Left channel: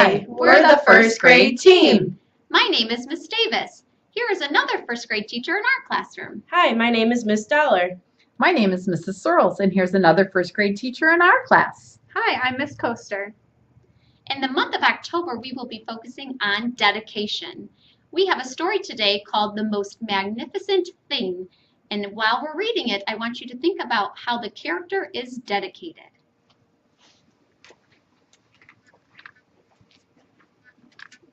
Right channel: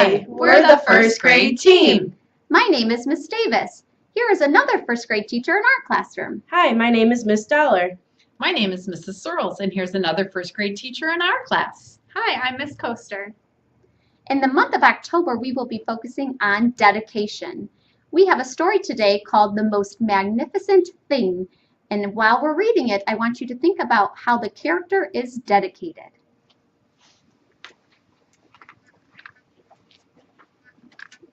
Hi, we're the first grade team. My name is Miss Davis. Here is another first grade teacher in our classroom. Hi, my name is Miss Dollar. My name is Mrs. Searles, and here's another first grade teacher in our class. Hi, I'm Miss Coaster. In the month of October, we will be focusing on dedication. We have a story today called The Most Magnificent Thing. And while we're reading it, I want you to think about how the character is dedicated.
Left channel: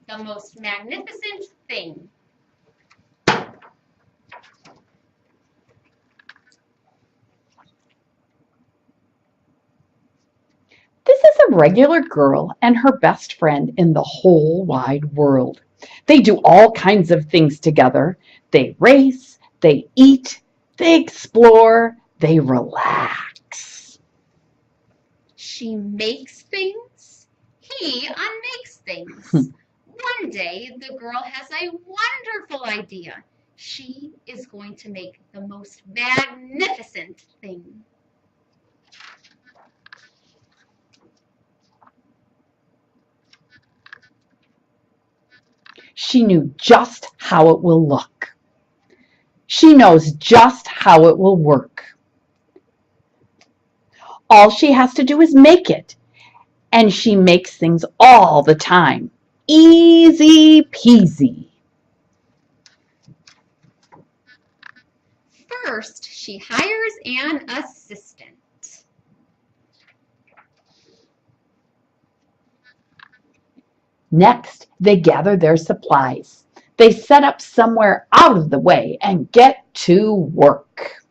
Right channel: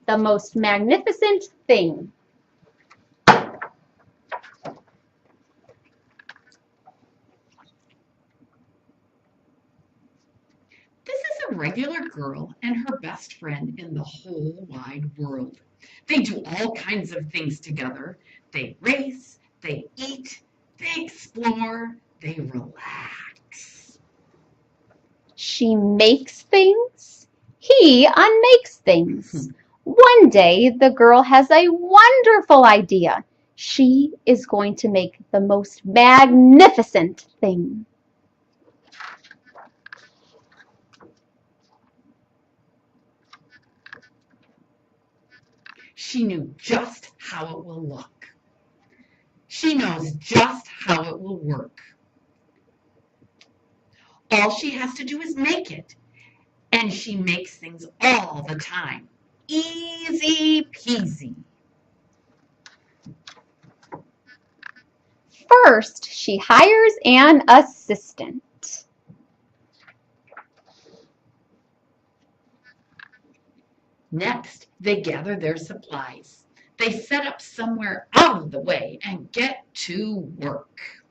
The most magnificent thing. This is a regular girl and her best friend in the whole wide world. They do all kinds of things together. They race, they eat, they explore, they relax. She makes things. He unmakes things. One day, the girl has a wonderful idea. She is going to make the most magnificent thing. She knew just how it will look. She knows just how it will work. All she has to do is make it, and she makes things all the time. Easy peasy. First, she hires an assistant. Next, they gather their supplies. They set up somewhere out of the way and get to work.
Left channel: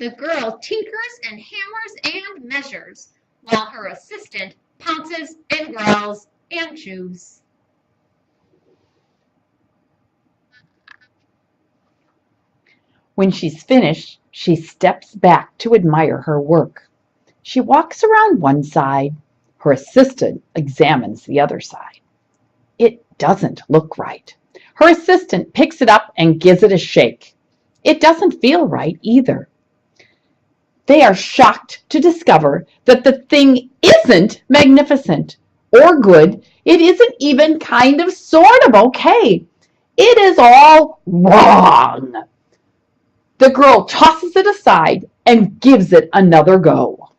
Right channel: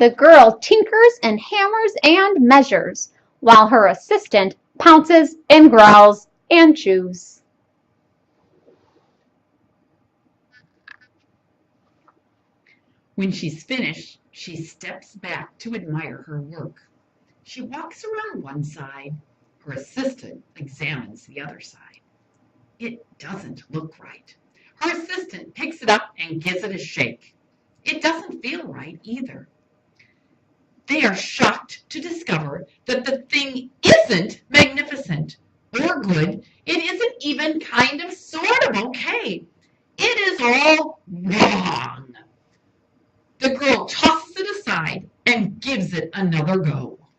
The girl tinkers and hammers and measures, while her assistant pounces and growls and chews. When she's finished, she steps back to admire her work. She walks around one side. Her assistant examines the other side. It doesn't look right. Her assistant picks it up and gives it a shake. It doesn't feel right either. They are shocked to discover that the thing isn't magnificent or good. It isn't even kind of sort of okay. It is all wrong. The girl tosses it aside and gives it another go.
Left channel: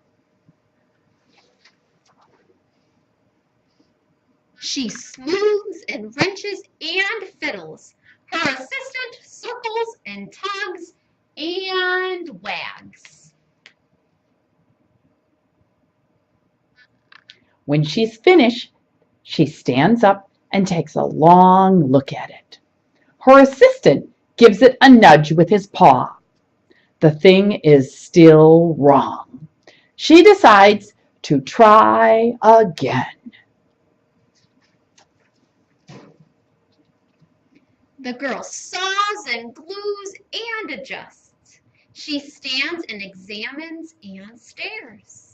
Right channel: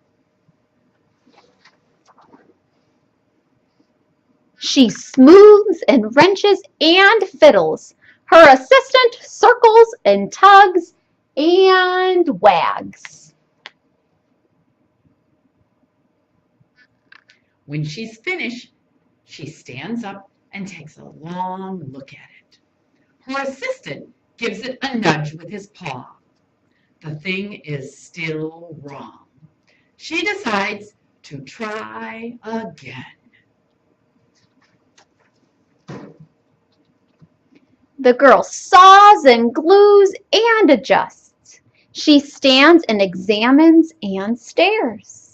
She smooths and wrenches and fiddles. Her assistant circles and tugs and wags. When she's finished, she stands up and takes a long look at it. Her assistant gives it a nudge with his paw. The thing is still wrong. She decides to try again. The girl saws and glues and adjusts. She stands and examines and stares.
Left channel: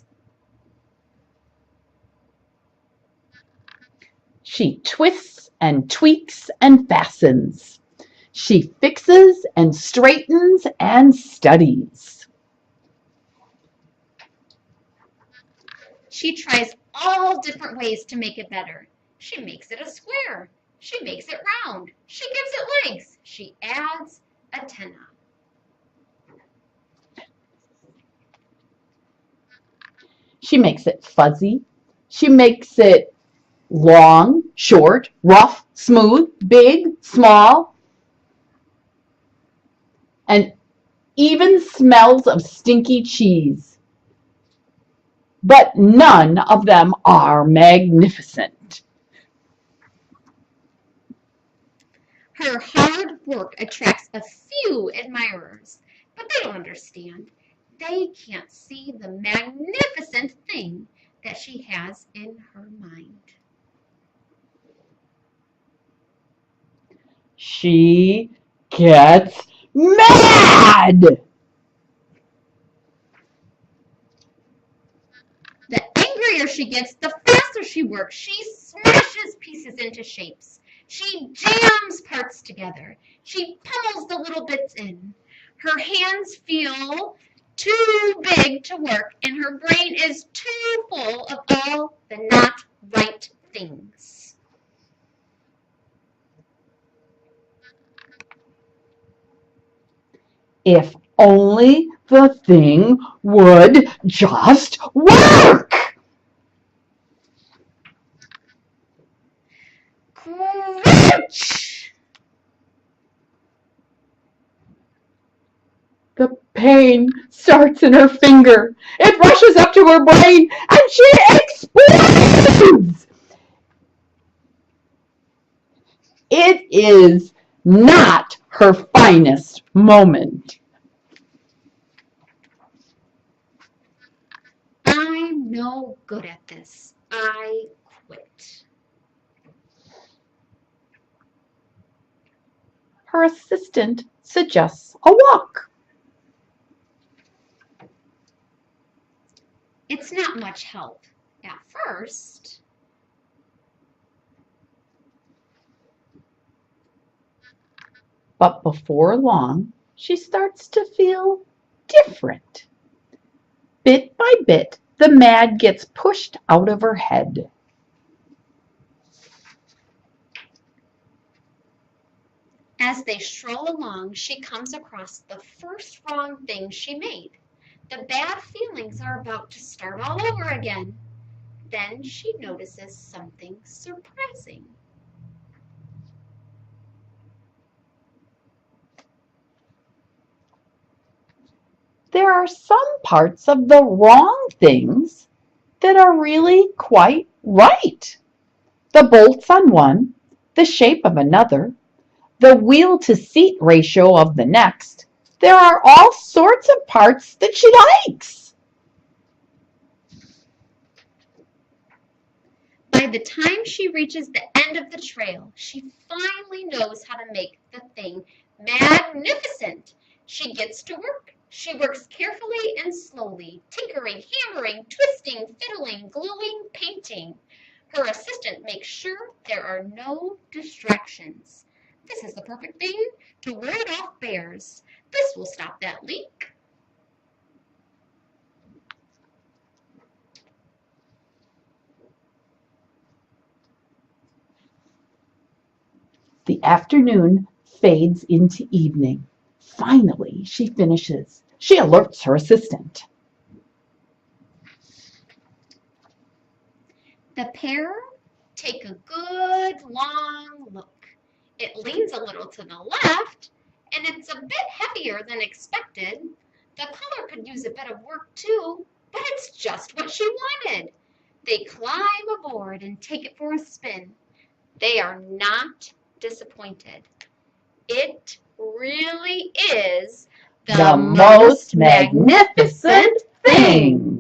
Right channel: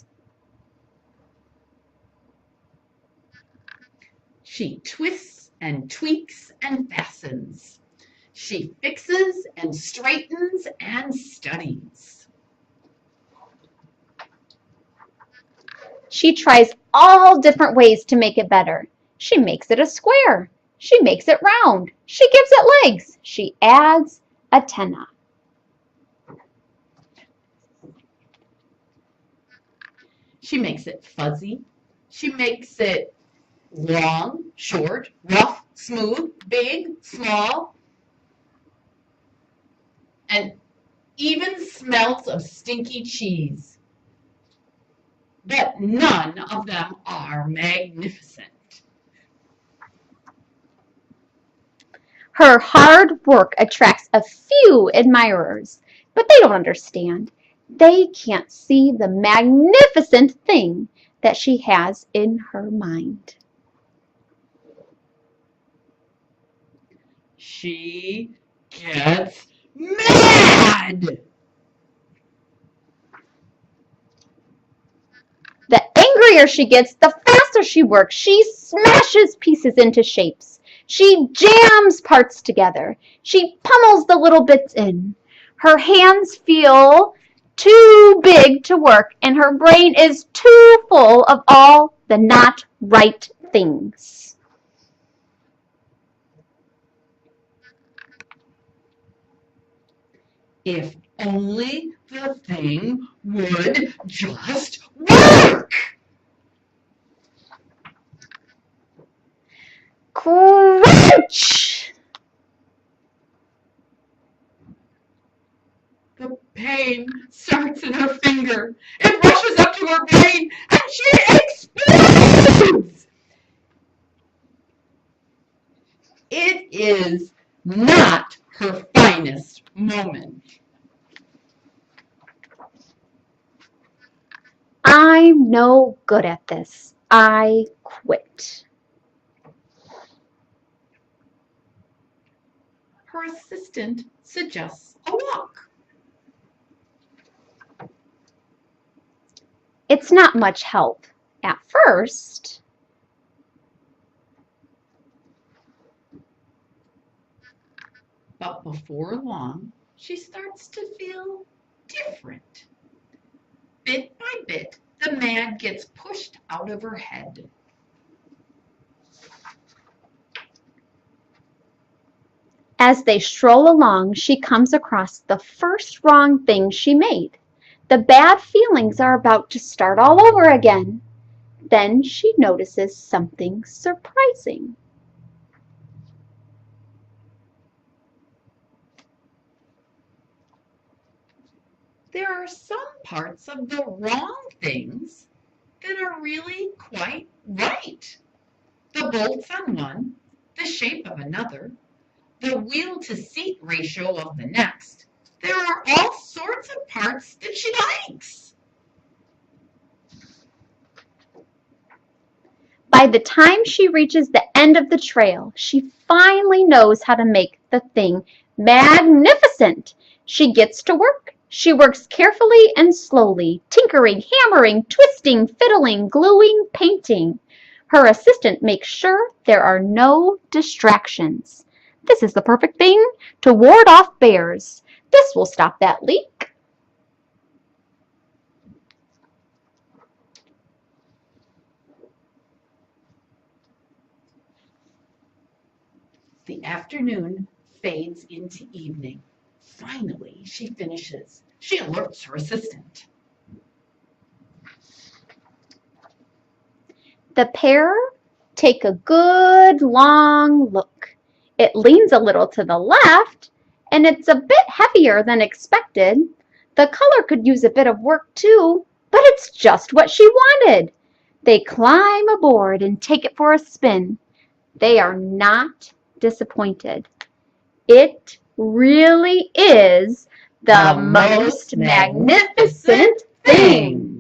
She twists and tweaks and fastens. She fixes and straightens and studies. She tries all different ways to make it better. She makes it a square. She makes it round. She gives it legs. She adds antennae. She makes it fuzzy. She makes it long, short, rough, smooth, big, small, and even smells of stinky cheese. But none of them are magnificent. Her hard work attracts a few admirers, but they don't understand. They can't see the magnificent thing that she has in her mind. She gets mad. The angrier she gets, the faster she works. She smashes pieces into shapes. She jams parts together. She pummels the little bits in. Her hands feel too big to work, and her brain is too full of all the not right things. If only the thing would just work! Crunch! The pain starts in her finger. It rushes up to her brain and she explodes! It is not her finest moment. I'm no good at this. I quit. Her assistant suggests a walk. It's not much help at first. But before long, she starts to feel different. Bit by bit, the mad gets pushed out of her head. As they stroll along, she comes across the first wrong thing she made. The bad feelings are about to start all over again. Then she notices something surprising. There are some parts of the wrong things that are really quite right. The bolts on one, the shape of another, the wheel to seat ratio of the next. There are all sorts of parts that she likes. By the time she reaches the end of the trail, she finally knows how to make the thing magnificent. She gets to work. She works carefully and slowly, tinkering, hammering, twisting, fiddling, gluing, painting. Her assistant makes sure there are no distractions. This is the perfect thing to ward off bears. This will stop that leak. The afternoon fades into evening. Finally, she finishes. She alerts her assistant. The pair take a good long look. It leans a little to the left, and it's a bit heavier than expected. The color could use a bit of work too, but it's just what she wanted. They climb aboard and take it for a spin. They are not disappointed. It really is the most magnificent thing.